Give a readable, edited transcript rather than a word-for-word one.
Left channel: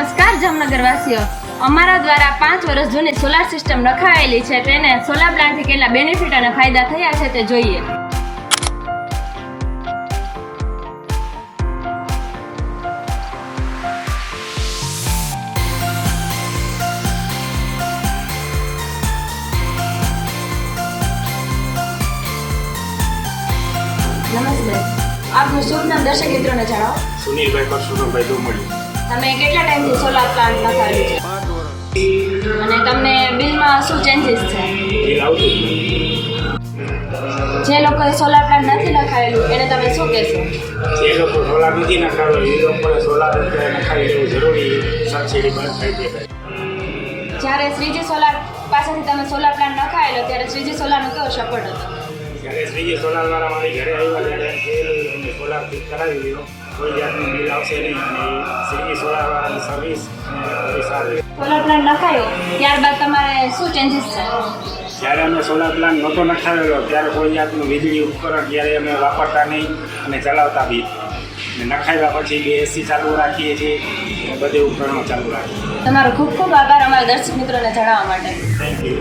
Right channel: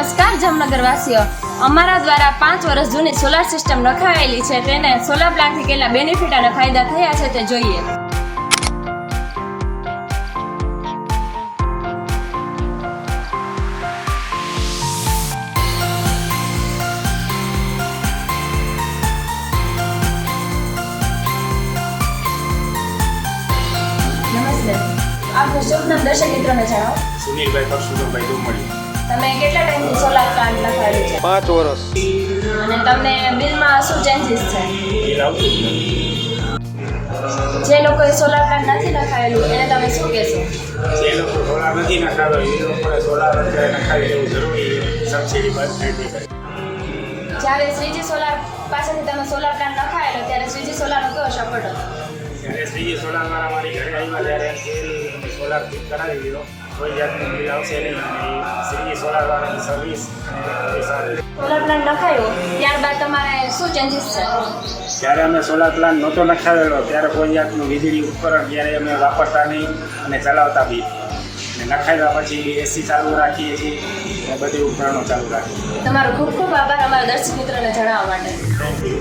નમસ્કાર જામનગરવાસીઓ, અમારા દ્વારા 5 વર્ષ જૂની સોલાર સિસ્ટમ નખાયેલી છે. તેને સોલાર પ્લાન્ટથી કેટલા બેનિફિટ અને ફાયદા થયા છે તે જોઈએ. નમસ્તે, આપનું શુભ નામ દર્શક મિત્રોને જણાવો. સુનિલભાઈ પરશુરામભાઈ ડુમડી. તમે કેટલા ટાઈમથી સોલાર પ્લાન્ટ નખાવેલું છે 5 વર્ષ. અને તમને બિલમાં શું ચેન્જીસ છે? બિલ આવતું જ જે લોકોએ સોલાર પ્લાન્ટ નથી નખાવેલું એને તમે શું કહેશો? નથી. જે લોકો સોલાર નથી નખાવેલો એ લોકોએ સોલાર નખાવી લેવું જરૂરી. સબસિડી બંધ થઈ જાય. જ્યારે શ્રીજી સોલાર પાસેથી તમે સોલાર પ્લાન્ટ નખાયેલો ત્યારે શ્રીજી સોલારનો કેવો સપોર્ટ હતો? જ્યારે શ્રીજી સોલારવાળા મારી ઘરે આવ્યા ત્યારે એ સોલાર ફિટ કરાવી દીધો. કોઈ જાતનું બિલ આવશે નહીં અને શ્રીજી સોલારવાળાની સર્વિસ અને સારી. સોલાર પ્લાન્ટ નખાયો ત્યારબાદ તમારે શું ચેન્જીસ છે? જ્યારે અમે સોલાર પ્લાન્ટ નહોતો નખાવેલો ત્યારે કોઈ જાતનું વીજળી ઉપકરણ ત્યારે અમે વાપરતા નહીં અને ચલાવતા બી. અને નખાવ્યા પછી એસી ચાલુ રાખીએ છીએ અને બધી ઉપકરણો ચાલુ રાખીએ. તમારો ખૂબ ખૂબ આભાર અમારા દર્શક મિત્રોને જણાવવા માટે. Thank you.